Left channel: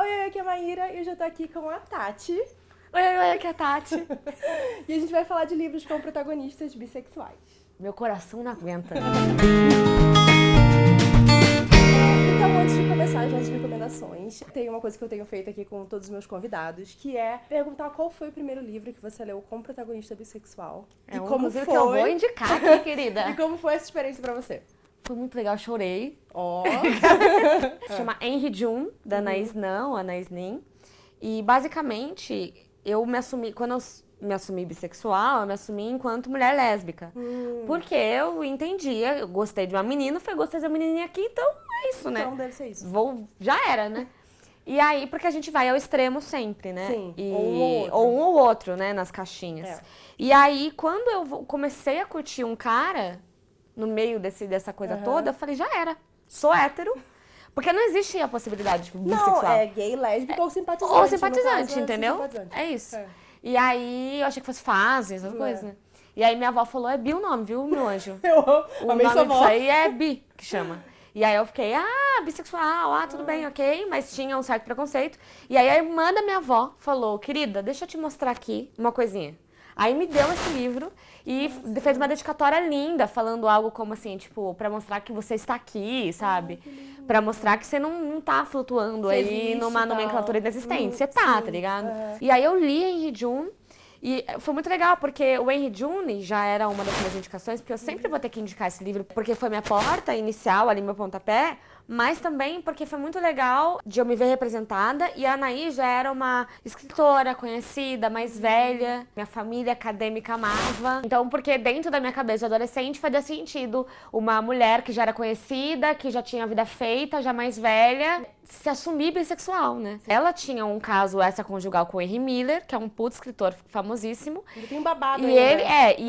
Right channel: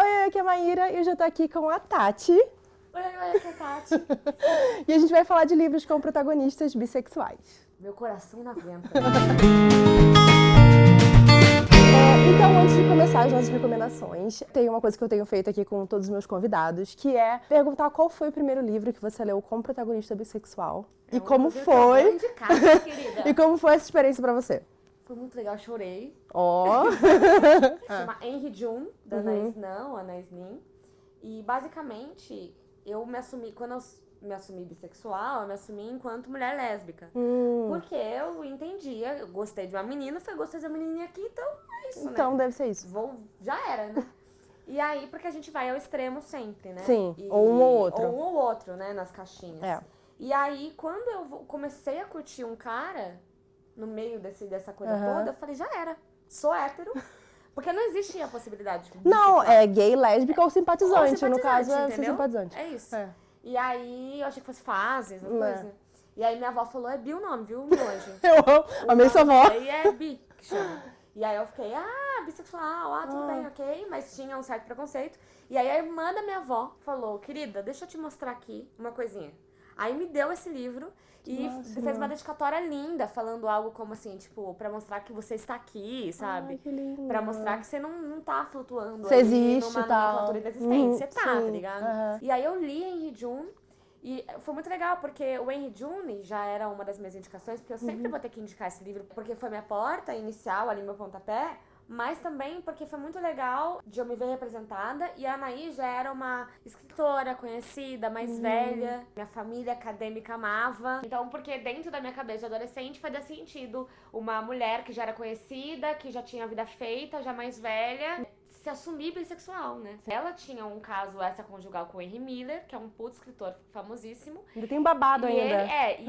Oi, aqui é a Maíra e eu já tô aqui com a Tati. Oi, aqui é a Tati. E a gente vai falar de livros com protagonistas bissexuais. Meu coração não aguenta. Então, antes de começar as nossas recomendações, tem uma coisa que eu tenho feito aqui com todos os meus convidados, que é perguntar qual foi o primeiro livro que você leu como protagonista bissexual. E como foi? Que eu vou indicar, querida. E como foi essa experiência pra você? Foi muito legal, eu chorei. Ó. Se chama Henry Jun, da Anaïs Nin. E basicamente, quando eu me assumi bissexual, eu me assumi enquanto mulher lésbica. Porque eu entendia, eu gostei de uma menina, gostei de uma menininha aqui, então é isso, né? Então deve ser isso. Já era, né? E aí, porque a gente vai ao extremo sempre, né? Sim, ou um ou outro. Ou um ou outro, né, nas caixinhas. É. E aí, quando eu comecei a curtir um cara, no meio dessa coisa toda, eu falei, já era, sou hétero. Porque não existe a possibilidade de bissexual. Não, é gay, lésbica ou simpatizante. Ou simpatizante, no caso, entendeu? Simpatizante. É isso. É. E aí, eu achei que fosse fase, essas coisas, né? E aí, minha avó falou, é Bi o nome, viu, meu anjo? Eu amo. O Amei nome sua disso avó. aí é Bi, que chama. E aí eu fiquei, bissexual, tudo bem, ok. Mas tinha um certo preconceito. E aí a irmã da minha avó falou, querida, deixa eu te mostrar aqui uma coisinha. Aí me deu esse livro e fez uma dedicatória linda, falando algo como assim, tipo, pra mostrar que você está aqui, sabe? Pra mostrar que você não tá flutuando Você aí existe, numa tá. nomenclatura inexistente. Você tá, Sim. tá ligado? E aí eu li Henry Jun. E foi muito legal, porque o Henry Jun já era uma das minhas indicações, porque eu sempre vou ter que indicar esse livro, porque foi minha porta inicial, ali meu pontapé, mas também porque foi muito legal de eu me ver representada, e a Anaí já era uma escritora conhecida, mais velha, minha família acadêmica amava. Então, porque dentro da minha cabeça de adolescente fazia sentido uma mulher que já era conhecida, que já tinha a vida feita, já mais velha, se assumir bissexual, né? Ela tinha um caso extraconjugal com o Henry Miller, que é um puto escritor famosíssimo. Ainda tem um babado E ainda.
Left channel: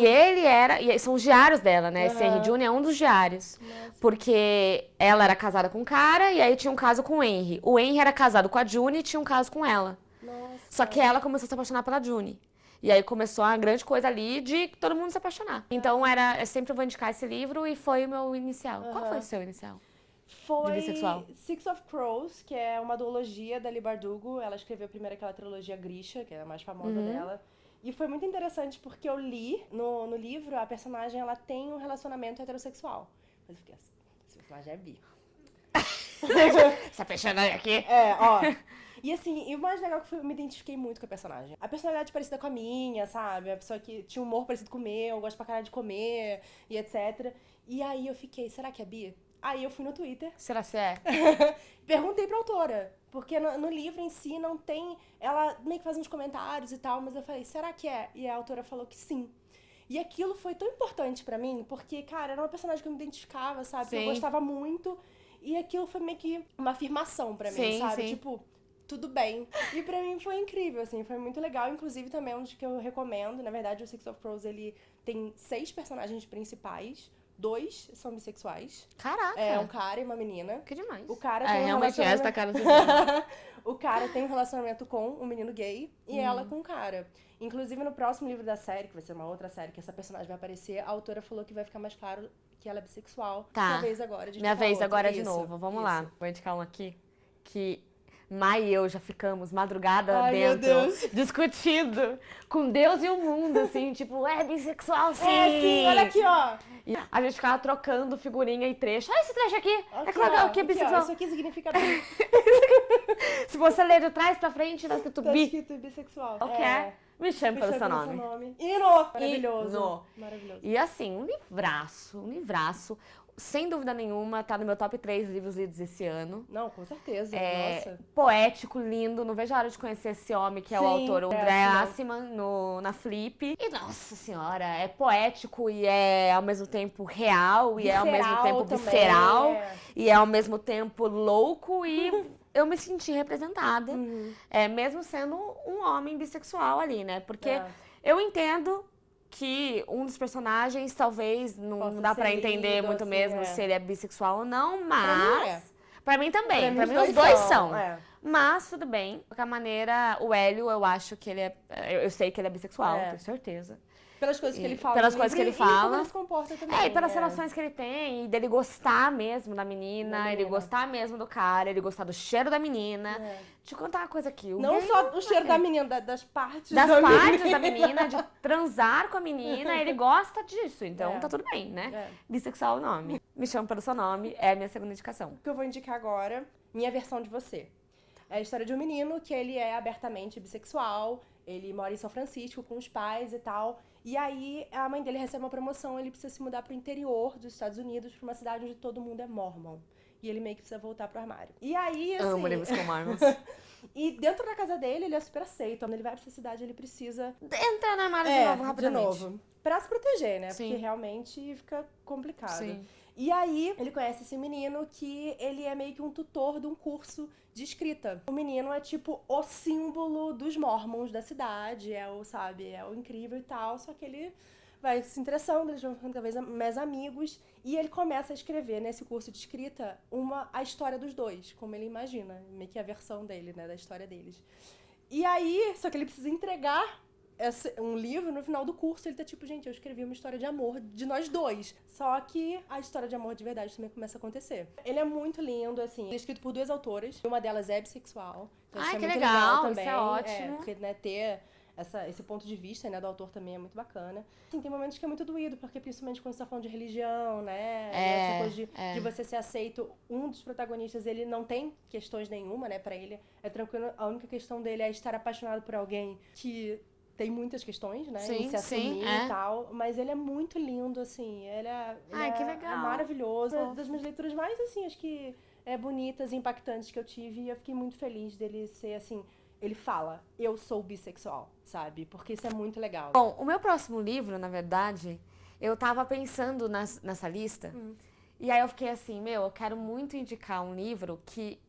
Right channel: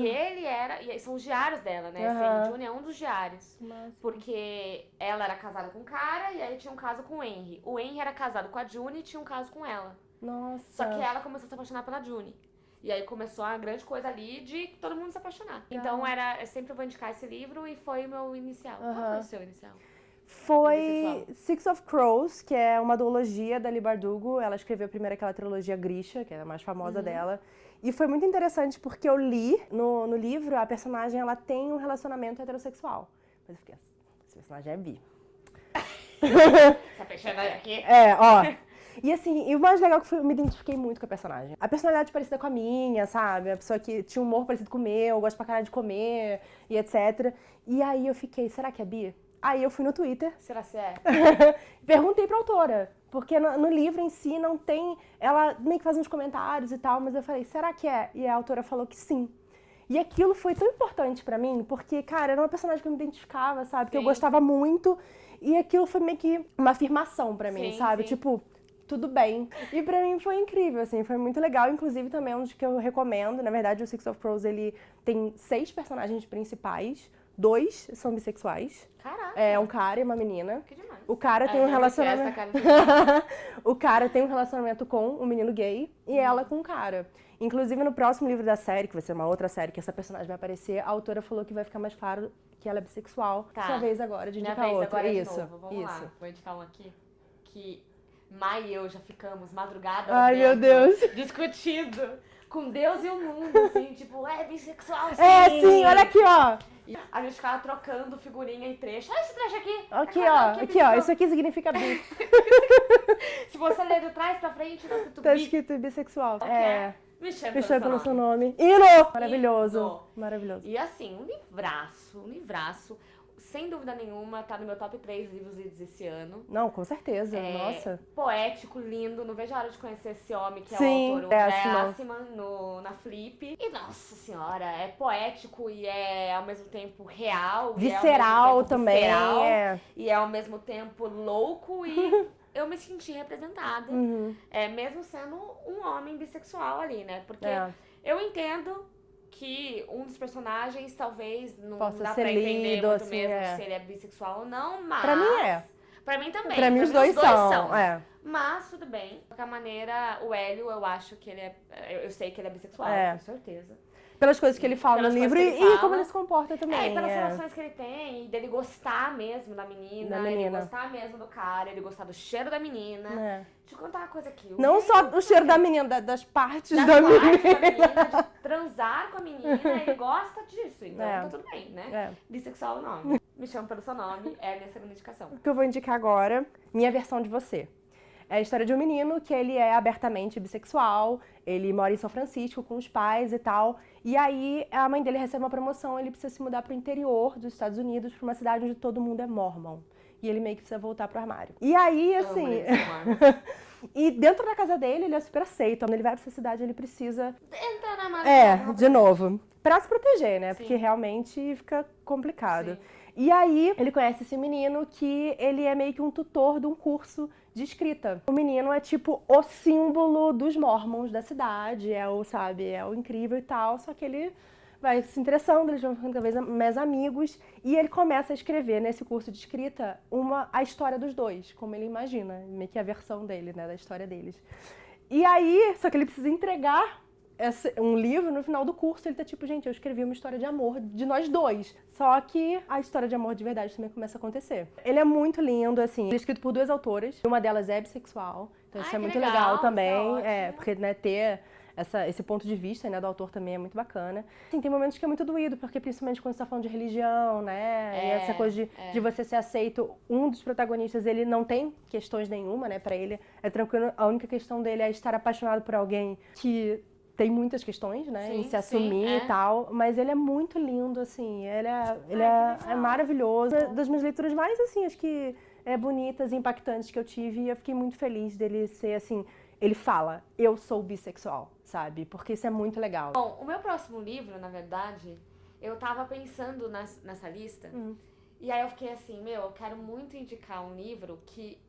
ele era... E são os diários dela, né? Esse Henry Jun é um dos diários. Porque ela era casada com um cara e aí tinha um caso com o Henry. O Henry era casado com a June e tinha um caso com ela. Nossa. Só que ela começou a se apaixonar pela June. E aí começou a grande coisa ali de todo mundo se apaixonar. Então eu sempre vou indicar esse livro e foi o meu inicial. Qual foi o seu inicial? Foi bissexual? Six of Crows, que é uma duologia da Leigh Bardugo. Ela escreveu primeiro aquela trilogia Grisha, que é a mais famosa dela. E foi muito interessante porque eu li no livro, a personagem ela tem um relacionamento heterossexual. Mas eu fiquei assim, esse personagem é bi. Essa personagem aqui? É, ó. E assim, e o mais legal que foi, eu me identifiquei muito com a personagem. A personalidade parecida com a minha, sabe? A pessoa que tinha um humor parecido com o meu, gosta pra caralho de comer e etc. E aí eu fiquei, será que é bi? Aí eu fui no Twitter. Será que é? Perguntei pra autora. Porque no livro em si não tem... Ela meio que faz uns comentários e tal, mas eu falei, será que é? E a autora falou que sim. E aquilo foi tão importante pra mim, porque, cara, era uma personagem que eu me identificava, sabe? Que eu gostava muito. E aquilo foi meio que uma afirmação pra mim, sabe? Sim. Tipo, tudo bem. E pra mim foi incrível, assim, foi muito legal. Inclusive também é um dos que eu recomendo. Na verdade, o Six of Crows, ele tem 6 personagens principais. 2 são bissexuais. Caraca. É um cara e uma menina. Que demais. O cara tem um relacionamento... Essa cara O cara tem um relacionamento com um menino gay e ela com um cara. Inclusive, no próximo livro da série, que vai ser uma outra série que essa personagem vai aparecer, a autora falou que vai ficar mais claro que ela é bissexual. Tá. Sua vez agora de Minha indicar vez outro. agora Isso, de novo. Vamos isso. lá. Vou indicar um aqui que Mai e eu já ficamos madrugada Ai, dentro, meu Deus. discutindo com Deus e o mundo, assim, tipo, é bissexual, sim. É, sim, olha aqui, ó. E a gente ficava trocando figurinha e trecho. Esse trecho aqui. Aqui, que legal, ó. que é Aqui, ó. bissexual. Isso aqui significa bi. Se você ler de trás pra frente, tá escrito Tá bi. escrito bissexual. Qual que é? Me chame Me pelo chama pelo seu seu nome. nome. Hino! Maravilhoso. Hino. Maravilhoso. E assim, um livraço. Sem dúvida nenhuma, tá no meu top 3 livros lidos esse ano. Não, com certeza. Nossa. Poético, lindo. Não vejo a hora de conhecer esse homem que é Sim, o autor, o é André Aciman. Aciman, na Flip. E, nossa senhora, é poético e é ao mesmo tempo real. E é ao mesmo Visceral tempo também. visceral. É. E é ao mesmo tempo louco e eu me senti representada. Mesmo sendo um homem bissexual ali, né? Porque eu entendo que um dos personagens talvez não Possa dá ser pra entender lido, muito assim, mesmo se ele é bissexual ou não, mas... Pra mim é. Pra mim também. Pra mim os dois são. É. Mas tudo bem. De qualquer maneira, o Hélio, eu acho que ele é... Eu sei que ele é bissexual, É. tenho certeza. Pelas coisas que ele fala Pelas no coisas livro que ele e fala. como ele se comporta também. É, e pelas relações que ele tem, e dele gostar mesmo da menina, ele gostar mesmo do cara, ele gostar do cheiro da menina. Deixa eu contar uma coisa aqui. Não só o cheiro da menina, das partes das da partes menina. da menina, de transar com a menina, ele gosta disso, então tá tudo bem, né? Bissexual é o nome. Me chama pelo seu nome, é a minha segunda indicação. O que eu vou indicar agora, minha versão de você. É a história de um menino que ele é abertamente bissexual, ele mora em São Francisco com os pais e tal, e aí a mãe dele recebe uma promoção, ele precisa se mudar pro interior dos Estados Unidos, pra uma cidade onde todo mundo é mormon. E ele meio que precisa voltar pro armário. E aí, assim... E dentro da casa dele, ele é super aceito. Quando ele vai pra essa cidade, ele precisa... Entra na armário de novo. Pra se proteger, né? Sim. Porque realmente fica complicado. Sim. E aí, ele conhece esse menino que ele é meio que um tutor de um curso de escrita. O menino é tipo o símbolo dos mormons da cidade, é o incrível e tal, só que ele vai se interessando, eles vão ficando cada vez mais amigos, e ele começa a escrever nesse curso de escrita a história dos dois, como ele imagina, meio que a versão dele, né, da história deles. E aí, só que ele precisa entregar um livro, no final do curso, ele tá tipo, gente, eu escrevi uma história de amor de nós dois. Só que a história de amor de verdade também começa a acontecer. Ele é muito lindo, assim, ele é escrito por 2 autoras. Uma delas é bissexual, então isso é muito legal também. Porque, né, ter esse ponto de vista, né, do autor também é muito bacana. Assim, tem momentos que é muito doído, porque principalmente quando você tá falando de religião, né, e essa coisa de você ser aceito, um dos protagonistas, ele não tem questões nenhuma, né, pra ele é tranquilo, a única questão dele é estar apaixonado por alguém que tem muitas questões, né, em se assumir e tal, mas ele é muito lindo, assim, ele é maravilhoso. Das minhas leituras mais, assim, acho que bonitas e impactantes que eu tive, e eu fiquei muito feliz dele ser, assim, ele fala, eu sou bissexual, sabe, porque isso é muito legal. Bom, o meu próximo livro, na verdade, eu tava pensando nessa lista, e aí eu fiquei assim, eu quero muito indicar um livro que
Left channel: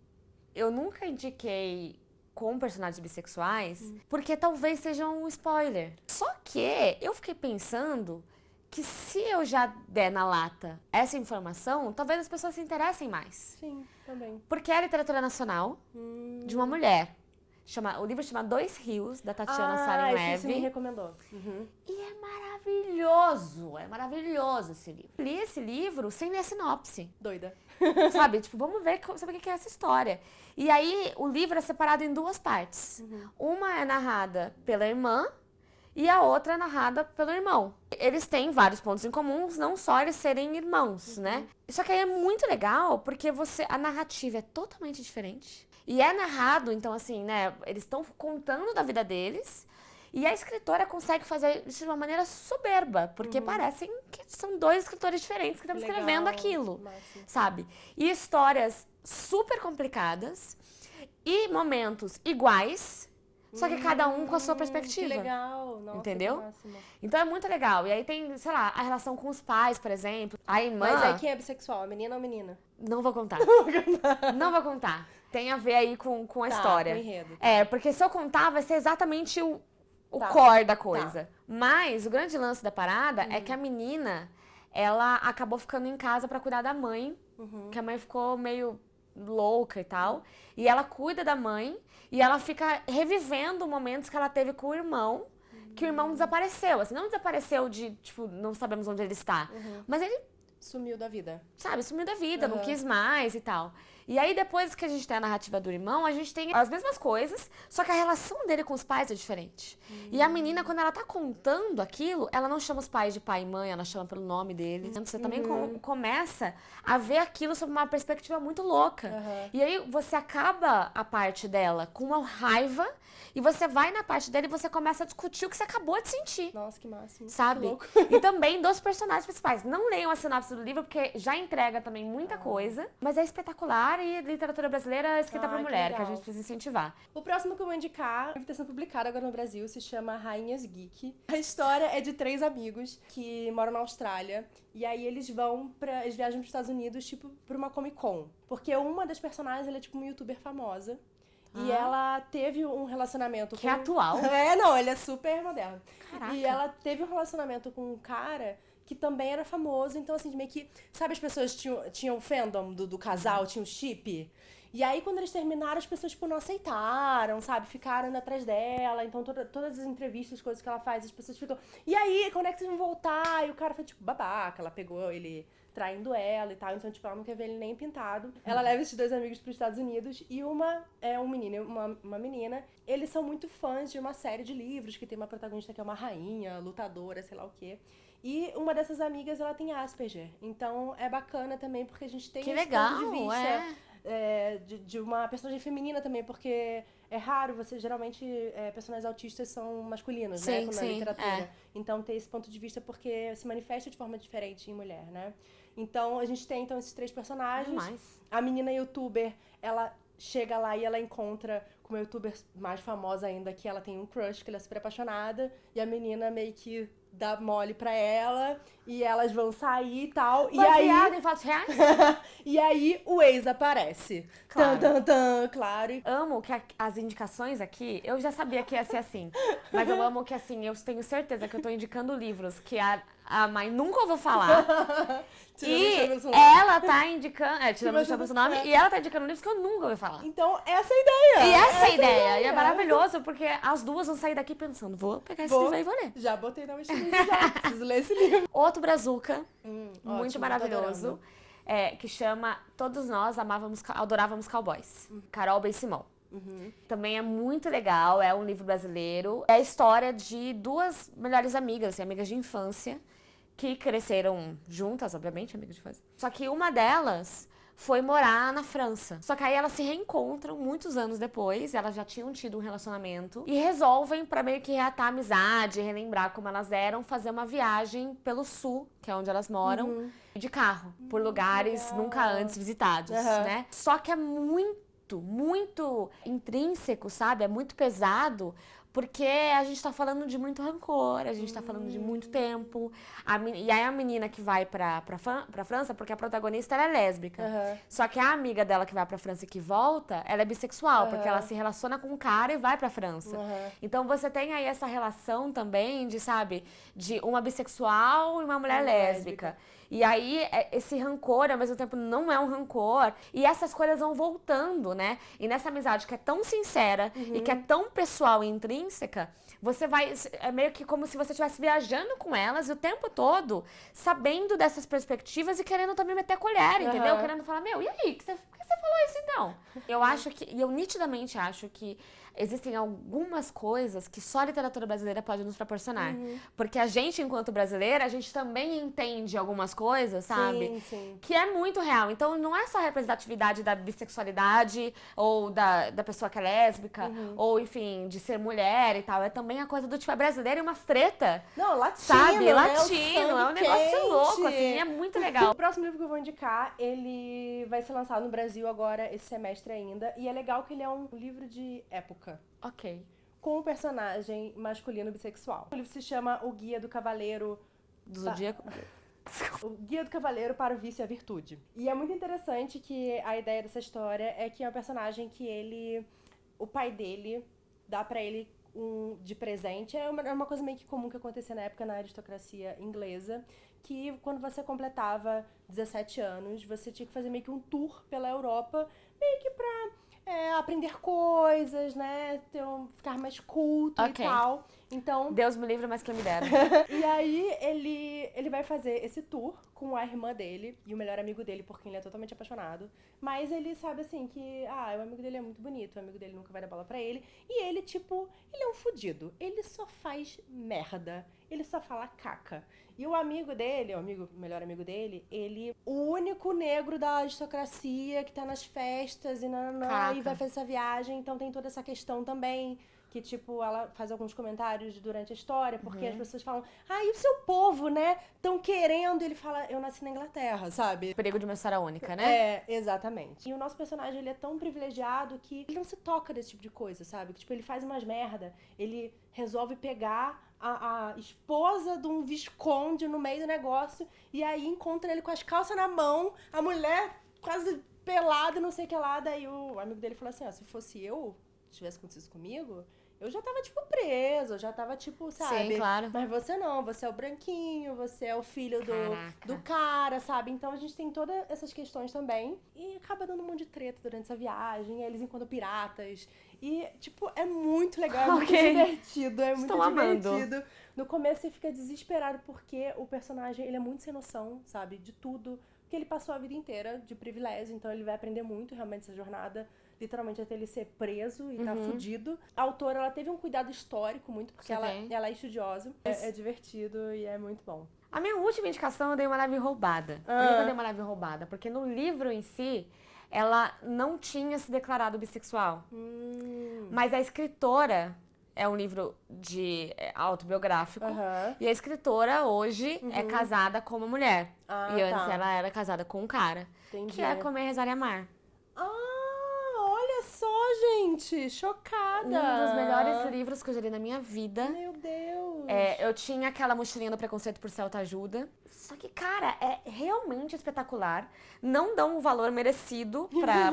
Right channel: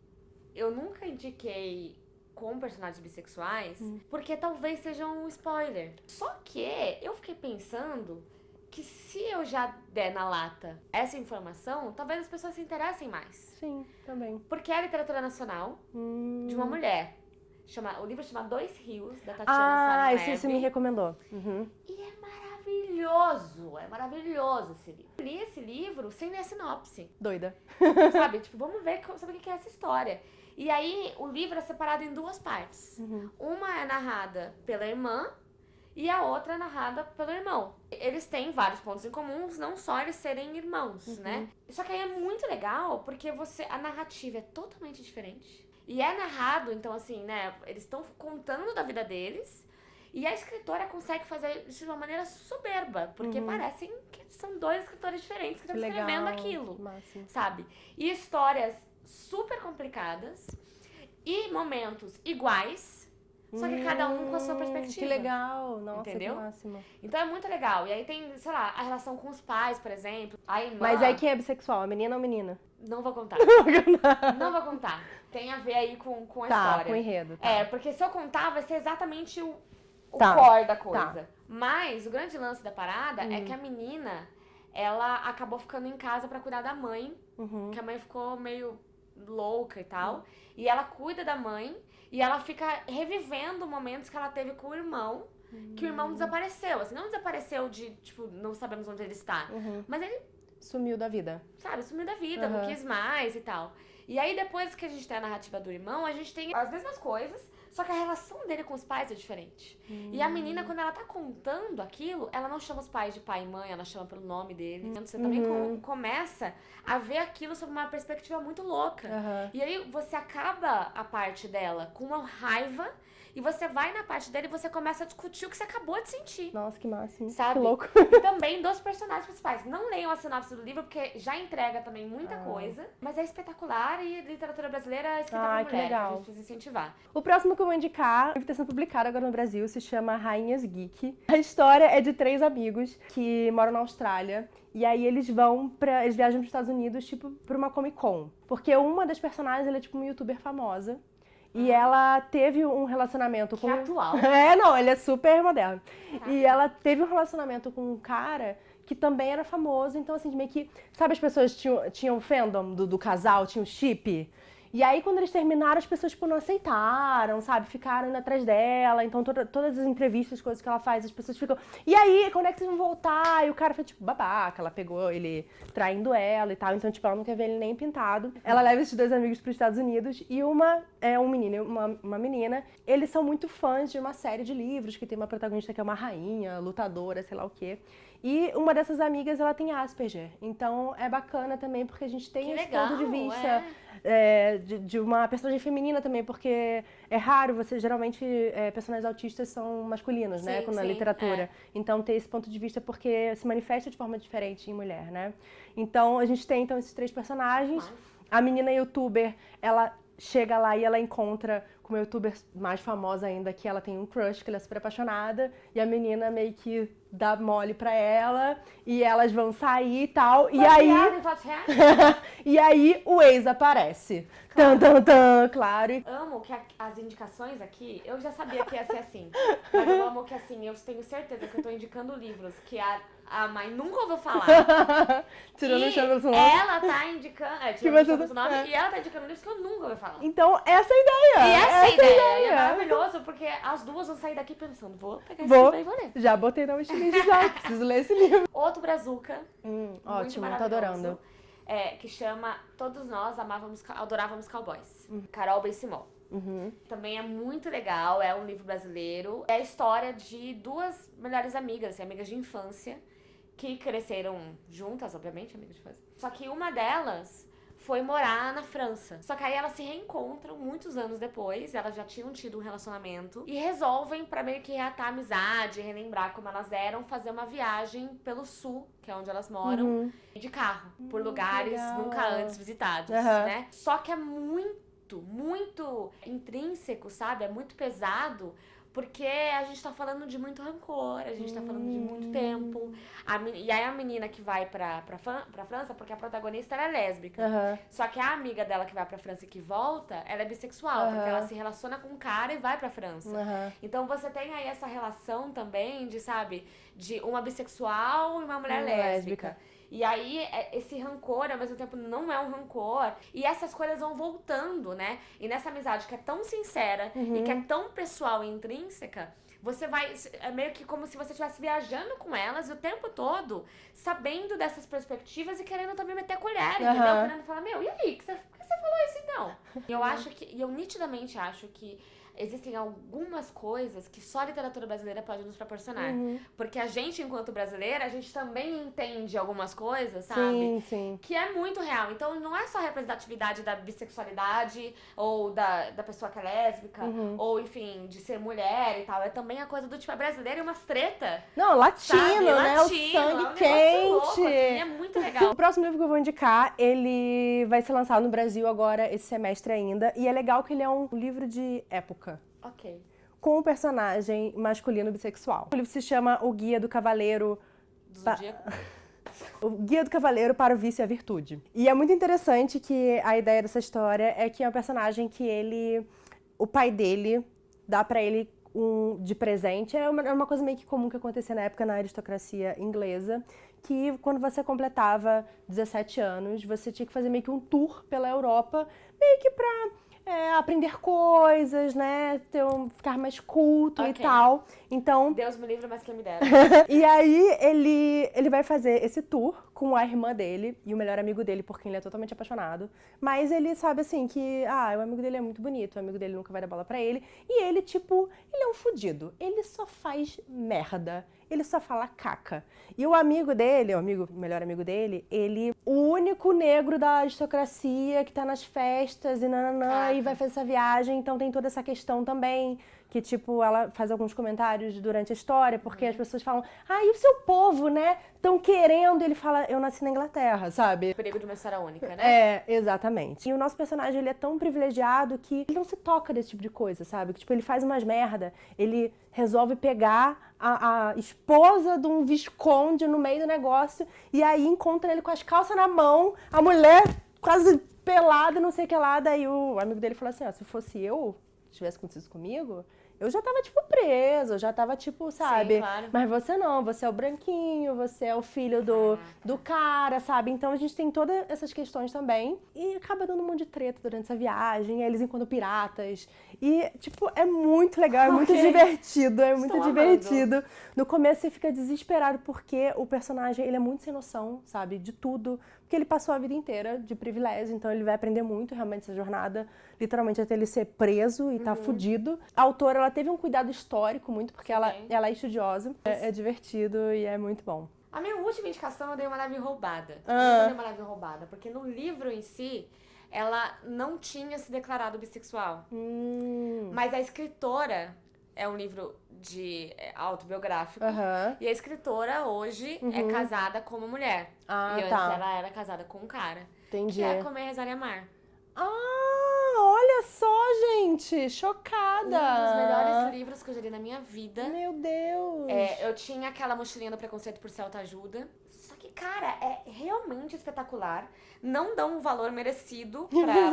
eu nunca indiquei com personagens bissexuais, porque talvez seja um spoiler. Só que eu fiquei pensando que se eu já der na lata essa informação, talvez as pessoas se interessem mais. Sim, também. Porque é a literatura nacional de uma mulher. O livro chama Dois Rios, da Tatiana Sarin Leve. Você me recomendou. E é maravilhoso esse livro. Eu li esse livro sem ler sinopse. Doida. Sabe, tipo, vamos ver sabe o que é essa história. E aí, o livro é separado em 2 partes. Uma é narrada pela irmã e a outra é narrada pelo irmão. Eles têm vários pontos em comuns, não só eles serem irmãos, né? Só que aí é muito legal, porque a narrativa é totalmente diferente. E é narrado, então assim, né, eles estão contando da vida deles, e a escritora consegue fazer isso de uma maneira soberba, porque parecem que são 2 escritores diferentes que estão escrevendo aquilo, sabe? E histórias super complicadas e momentos iguais, só que cada um com a sua perspectiva. Que legal, nossa, entendeu? Que máximo. Então é muito legal. E aí tem, sei lá, a relação com os pais, por exemplo. A irmã... Mas aí quem é bissexual, a menina ou a menina? Não vou contar. Não vou contar. Tem a ver aí com a história. Com o enredo. Porque se eu contar, vai ser exatamente o core da coisa. Tá. Mas o grande lance da parada é que a menina, ela acabou ficando em casa pra cuidar da mãe, que a mãe ficou meio louca e tal. E ela cuida da mãe e ela fica revivendo momentos que ela teve com o irmão, que o irmão desapareceu. Assim, não desapareceu de, tipo, não sabemos onde ele está. Mas ele... Sumiu da vida. Sabe, sumiu da vida, não quis mais e tal. E aí, depois que a gente tem a narrativa do irmão, a gente tem as mesmas coisas, só que a relação dele com os pais é diferente. E a menina, quando ela tá contando aquilo, ela não chama os pais de pai e mãe, ela chama pelo nome deles. Você também começa a ver aquilo sob uma perspectiva muito louca. E aí, você acaba a parte dela com uma raiva, e você vai na parte dele e você começa a discutir o que você acabou de sentir. Nossa, que máximo. Sabe? Que louco. E também dos personagens principais. Não leiam a sinopse do livro, porque já entrega também muita coisa. Mas é espetacular e literatura brasileira escrita por mulher, que a gente precisa incentivar. O próximo que eu vou indicar, está sendo publicado agora no Brasil, se chama Rainhas Geek. A história é de 3 amigos que moram na Austrália. E aí eles viajam para os Estados Unidos, tipo, pra uma Comic Con. Porque uma das personagens, ela é tipo uma youtuber famosa. E ela teve um relacionamento que é atual. Ele é super moderno. Caraca. E ela teve um relacionamento com um cara que também era famoso. Então, assim, meio que... Sabe, as pessoas tinham fandom do casal, tinham chip? E aí, quando eles terminaram, as pessoas, tipo, não aceitaram, sabe? Ficaram indo atrás dela. Então, todas as entrevistas, coisas que ela faz, as pessoas ficam... E aí, quando é que vocês vão voltar? E o cara foi, tipo, babaca. Ela pegou ele traindo ela e tal. Então, tipo, ela não quer ver ele nem pintado. Ela leva esses 2 amigos pros Estados Unidos. E uma é um menino e uma menina. Eles são muito fãs de uma série de livros que tem uma protagonista que é uma rainha, lutadora, sei lá o quê. E uma dessas amigas, ela tem Asperger. Então, é bacana também, porque a gente tem esse ponto de vista... de uma personagem feminina também, porque é raro, geralmente personagens autistas são masculinos, né, na literatura. Então ter esse ponto de vista porque se manifesta de forma diferente em mulher, né? Então a gente tem esses 3 personagens. A menina youtuber, ela chega lá e ela encontra com uma youtuber mais famosa ainda, que ela tem um crush, que ela é super apaixonada, e a menina meio que dá mole pra ela, e elas vão sair e tal, e aí... em fatos reais? E aí o ex aparece. Claro. Claro. Amo que as indicações aqui, eu já sabia que ia ser assim, mas eu amo que assim, eu tenho certeza que eu tô indicando livros que a mãe nunca ouviu falar. E ela tá indicando, tirando o nome, e ela tá indicando livros que eu nunca ouvi falar. Então, essa é a ideia. E essa é a ideia. E é maravilhoso, porque as duas vão sair daqui pensando, vou pegar esse livro e vou ler. Já botei na wishlist já, preciso ler esse livro. Outro brazuca, muito ótimo, maravilhoso, que chama Todos Nós Adorávamos Cowboys, Carol Ben-Simon. Também é muito legal, é um livro brasileiro. É a história de 2 melhores amigas, assim, amigas de infância, que cresceram juntas, obviamente, amigas de infância. Só que uma delas foi morar na França. Só que aí elas se reencontram muitos anos depois, elas já tinham tido um relacionamento, e resolvem, pra meio que reatar a amizade, relembrar como elas eram, fazer uma viagem pelo sul, que é onde elas moram, de carro, por lugares nunca antes visitados, né? Só que é muito intrínseco, sabe? É muito pesado, porque a gente tá falando de muito rancor, a gente tá falando de muito tempo. E aí a menina que vai pra França, porque a protagonista ela é lésbica. Só que a amiga dela que vai pra França e que volta, ela é bissexual, porque ela se relaciona com um cara e vai pra França. Então você tem aí essa relação também de, sabe, de uma bissexual e uma mulher lésbica. E aí, esse rancor, ao mesmo tempo, não é um rancor. E essas coisas vão voltando, né? E nessa amizade que é tão sincera e que é tão pessoal e intrínseca, você vai... É meio que como se você estivesse viajando com elas o tempo todo, sabendo dessas perspectivas e querendo também meter a colher, entendeu? Querendo falar, meu, e aí? Por que você falou isso, então? Eu acho que... E eu nitidamente acho que existem algumas coisas que só a literatura brasileira pode nos proporcionar. Porque a gente, enquanto brasileira, a gente também entende algumas coisas, sabe? Sim. Que é muito real. Então, não é só a representatividade da bissexualidade ou da pessoa que é lésbica, ou, enfim, de ser mulher e tal. É também a coisa do tipo, é brasileiro e umas treta. Não, latino, sabe? né? Latino, é um negócio louco, assim, é muito legal. O próximo livro que eu vou indicar, ele vai ser lançado no Brasil agora, esse semestre ainda. E é legal que ele é um livro de época. Ok. Com um personagem masculino bissexual. O livro se chama O Guia do Cavaleiro... Do Zodíaco? O Guia do Cavaleiro para o Vício e a Virtude. E é muito interessante que a ideia dessa história é que é um personagem que o pai dele dá pra ele de presente. É uma coisa meio que comum que acontecia na época na aristocracia inglesa, que quando você completava 17 anos, você tinha que fazer meio que um tour pela Europa, meio que pra aprender coisas, né? Ficar mais culto e tal. Então... Deus me livre, mas quem me dera. E aí, ele vai fazer esse tour com a irmã dele e o melhor amigo dele, por quem ele é totalmente apaixonado. Mas ele sabe, assim, que... o amigo dele é muito bonito, o amigo dele nunca vai dar bola pra ele. E ele, tipo, ele é um fudido. Ele só faz merda. Ele só fala caca. E o amigo dele, o melhor amigo dele, o único negro da aristocracia que tá nas festas e nananã, e vai fazer essa viagem. Então tem toda essa questão também, que tipo, ela faz alguns comentários durante a história, porque as pessoas falam, e o seu povo, né? Tão querendo. Ele fala, eu nasci na Inglaterra, sabe? Perigo de uma história única, né? Exatamente. E o nosso personagem, ele é tão privilegiado que ele não se toca desse tipo de coisa, sabe? Que tipo, ele faz umas merda, ele resolve pegar a esposa de um visconde no meio do negócio, e aí encontra ele com as calças na mão, a mulher quase pelada, não sei o que lá. Daí o amigo dele falou assim, se fosse eu, tivesse acontecido isso comigo, eu já tava, tipo, presa, eu já tava, tipo, sabe? Sim, claro. Mas você não, você é o branquinho, você é o filho Caraca. do cara, sabe? Então a gente tem todas essas questões também. E acaba dando um monte de treta durante essa viagem, eles enquanto piratas. E, tipo, é muito legal, é muito divertido, é muito divertido. No começo você fica desesperado porque o personagem, ele é muito sem noção, sabe? De tudo. Porque ele passou a vida inteira de privilégio, então ele vai aprender muito realmente essa jornada, literalmente até ele ser preso e tá fudido. A autora, ela teve um cuidado histórico muito, porque ela é estudiosa, é divertido e é muito bom. A minha última indicação eu dei uma leve roubada. Por que eu dei uma leve roubada? Porque no livro em si, ela não tinha se declarado bissexual. Mas a escritora... É um livro autobiográfico. E a escritora hoje é casada com uma mulher. E antes ela era casada com um cara. Entendi. Que é Comer, Rezar e Amar. Olha só, gente! Chocada! Um dos melhores livros que eu já li na minha vida. Meu Deus! Eu tinha aquela mochilinha do preconceito por ser autoajuda. Só que, cara, é realmente espetacular. Não dão um valor merecido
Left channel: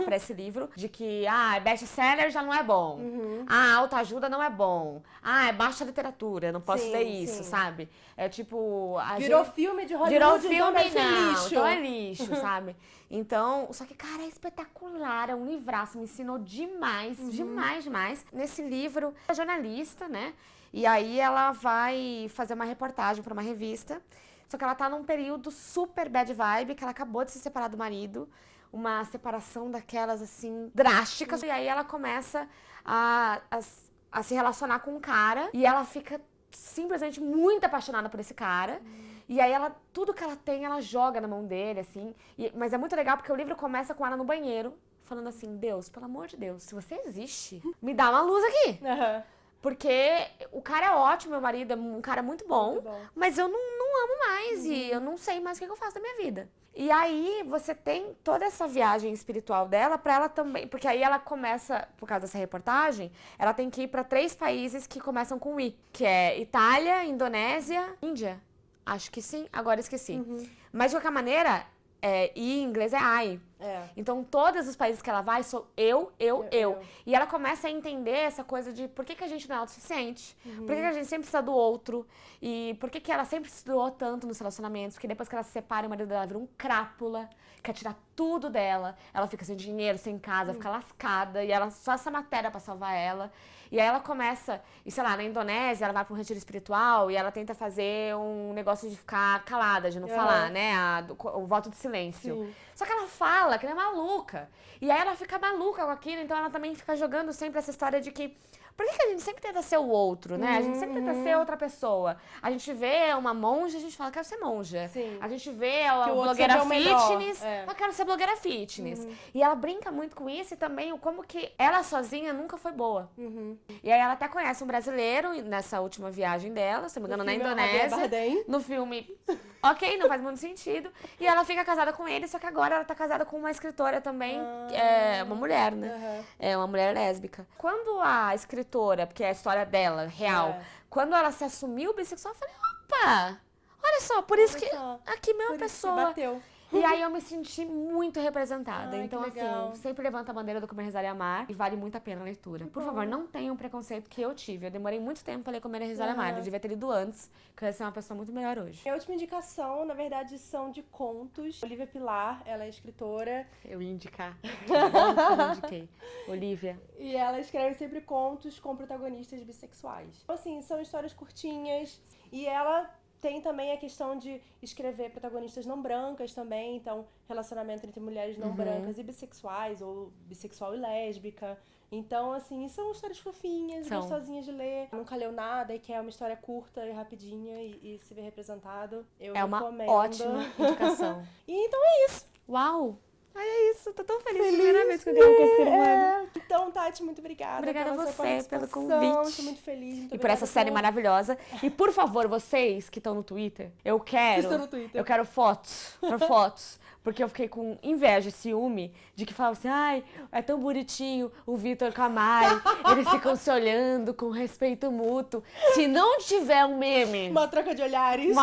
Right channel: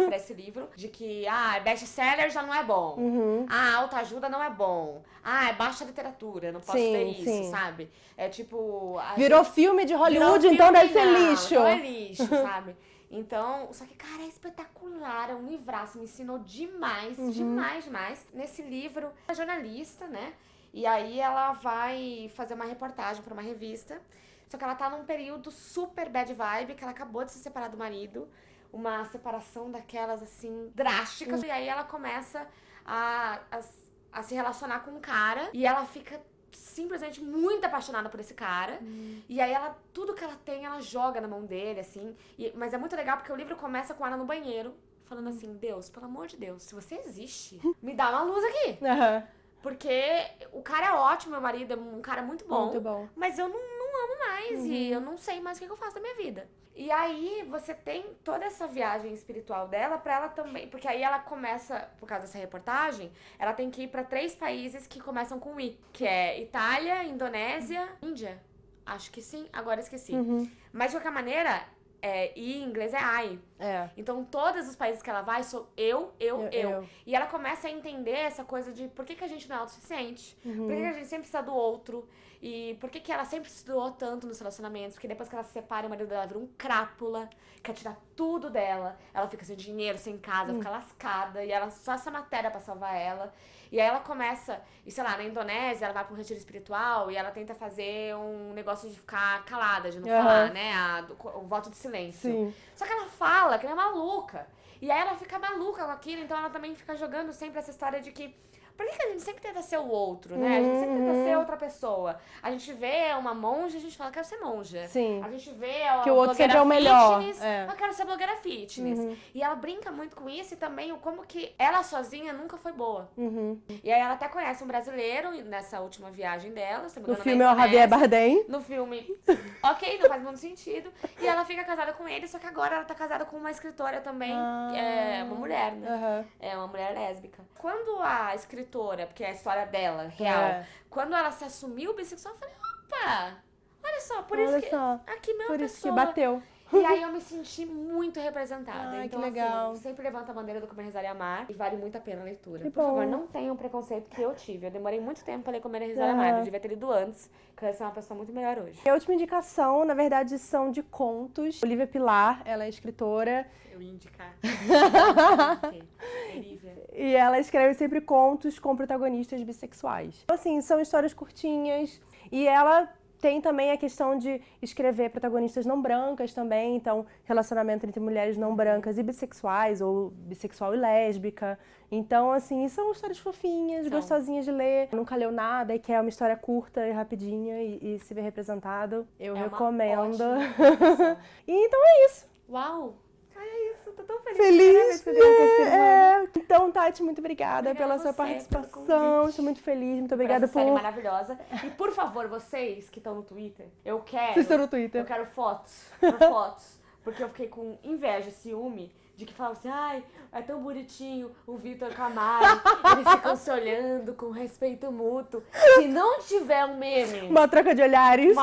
pra esse livro. De que, best-seller já não é bom. Autoajuda não é bom. É baixa literatura, não posso ler isso, sabe? É tipo... Virou filme de Hollywood, então deve ser lixo. Então é lixo, sabe? Então, só que, cara, é espetacular, é um livraço, me ensinou demais, demais. Nesse livro, é jornalista, né? E aí ela vai fazer uma reportagem pra uma revista. Só que ela tá num período super bad vibe, que ela acabou de se separar do marido. Uma separação daquelas, assim, drásticas. E aí ela começa a se relacionar com um cara. E ela fica simplesmente muito apaixonada por esse cara. E aí tudo que ela tem, ela joga na mão dele, assim. Mas é muito legal porque o livro começa com ela no banheiro, falando assim, Deus, pelo amor de Deus, se você existe, me dá uma luz aqui. Porque o cara é ótimo, meu marido é um cara muito bom. Mas eu não amo mais e eu não sei mais o que eu faço da minha vida. E aí você tem toda essa viagem espiritual dela pra ela também, porque aí ela começa, por causa dessa reportagem, ela tem que ir pra 3 países que começam com I, que é Itália, Indonésia, Índia. Acho que sim, agora esqueci. Mas de qualquer maneira, I em inglês é I. Então todos os países que ela vai são eu. E ela começa a entender essa coisa de por que a gente não é autossuficiente, por que a gente sempre precisa do outro. E por que ela sempre se doou tanto nos relacionamentos? Porque depois que ela se separa, o marido dela vira um crápula, quer tirar tudo dela. Ela fica sem dinheiro, sem casa, fica lascada. E ela só essa matéria pra salvar ela. E aí ela começa, e sei lá, na Indonésia, ela vai pra um retiro espiritual e ela tenta fazer um negócio de ficar calada, de não falar, né? O voto de silêncio. Só que ela fala que ela é maluca. E aí ela fica maluca com aquilo, então ela também fica jogando sempre essa história de que por que a gente sempre tenta ser o outro, né? A gente sempre tenta ser outra pessoa. A gente vê uma monja, a gente fala, quero ser monja. A gente vê que o outro blogueira fitness, eu quero ser blogueira fitness. E ela brinca muito com isso e também como que ela sozinha nunca foi boa. E aí ela até conhece um brasileiro nessa última viagem dela, se não me engano, no filme é o Javier Bardem. No filme, ok, não faz muito sentido. E ela fica casada com ele, só que agora ela tá casada com uma escritora também, uma mulher, né? É uma mulher lésbica. Quando a escritora, porque é a história dela, real. Quando ela se assumiu bissexual, eu falei, opa, olha só, por isso que aqui mesmo a pessoa... Por isso que bateu. E aí eu me senti muito representada. Então, que legal. assim, sempre levanta a bandeira do Comer, Rezar e Amar. E vale muito a pena a leitura. Por favor, não tenham o preconceito que eu tive. Eu demorei muito tempo pra ler Comer, Rezar e Amar. Eu devia ter lido antes, que eu ia ser uma pessoa muito melhor hoje. Minha última indicação, na verdade, são de contos. Olivia Pilar, ela é escritora. Eu ia indicar. Olivia. E ela escreve sempre contos com protagonistas bissexuais. Assim, são histórias curtinhas. E ela tem também a questão de escrever protagonistas não brancas também, então relacionamento entre mulheres não brancas e bissexuais, ou bissexual e lésbica. Então, assim, são histórias fofinhas, gostosinhas de ler. Nunca leu nada e quer uma história curta e rapidinha e se ver representado, eu recomendo. Uma ótima indicação. E então é isso. Uau! É isso, tô tão feliz. Então, Tati, muito obrigada pela sua participação. Pelo convite. Estou muito feliz, muito por obrigada essa série maravilhosa. E por favor, vocês que estão no Twitter, eu quero fotos. Porque eu fiquei com inveja, ciúme, de que falavam assim, ai, é tão bonitinho o Vitor com a Mari, eles ficam se olhando com respeito mútuo. Se não tiver um meme... Uma troca de olhares.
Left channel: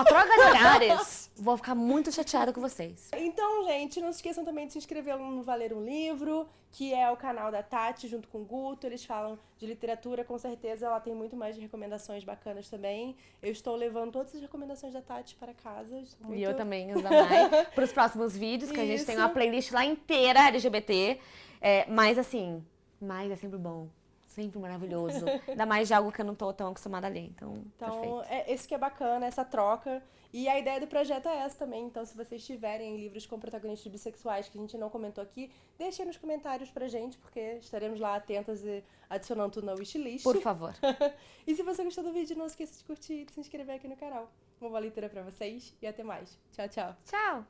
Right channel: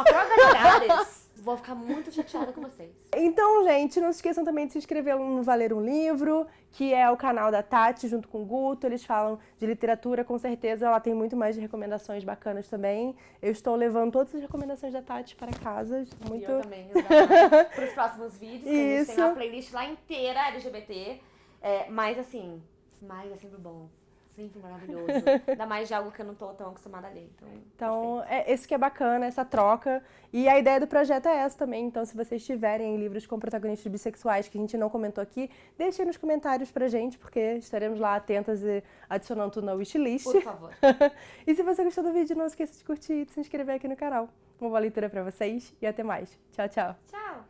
Vou ficar muito chateada com vocês. Então, gente, não se esqueçam também de se inscrever no Valer um Livro, que é o canal da Tati junto com o Guto. Eles falam de literatura, com certeza ela tem muito mais de recomendações bacanas também. Eu estou levando todas as recomendações da Tati para casa. E eu também, para os próximos vídeos, que a gente tem uma Isso. playlist lá inteira LGBT. Mas assim, mais é sempre bom. Sempre maravilhoso. Ainda mais de algo que eu não tô tão acostumada a ler. Então esse que é bacana, essa troca. E a ideia do projeto é essa também. Então, se vocês tiverem livros com protagonistas bissexuais que a gente não comentou aqui, deixem nos comentários pra gente, porque estaremos lá atentas e adicionando tudo na wishlist. por favor. E se você gostou do vídeo, não esqueça de curtir e de se inscrever aqui no canal. Uma boa leitura pra vocês e até mais. Tchau, tchau. Tchau.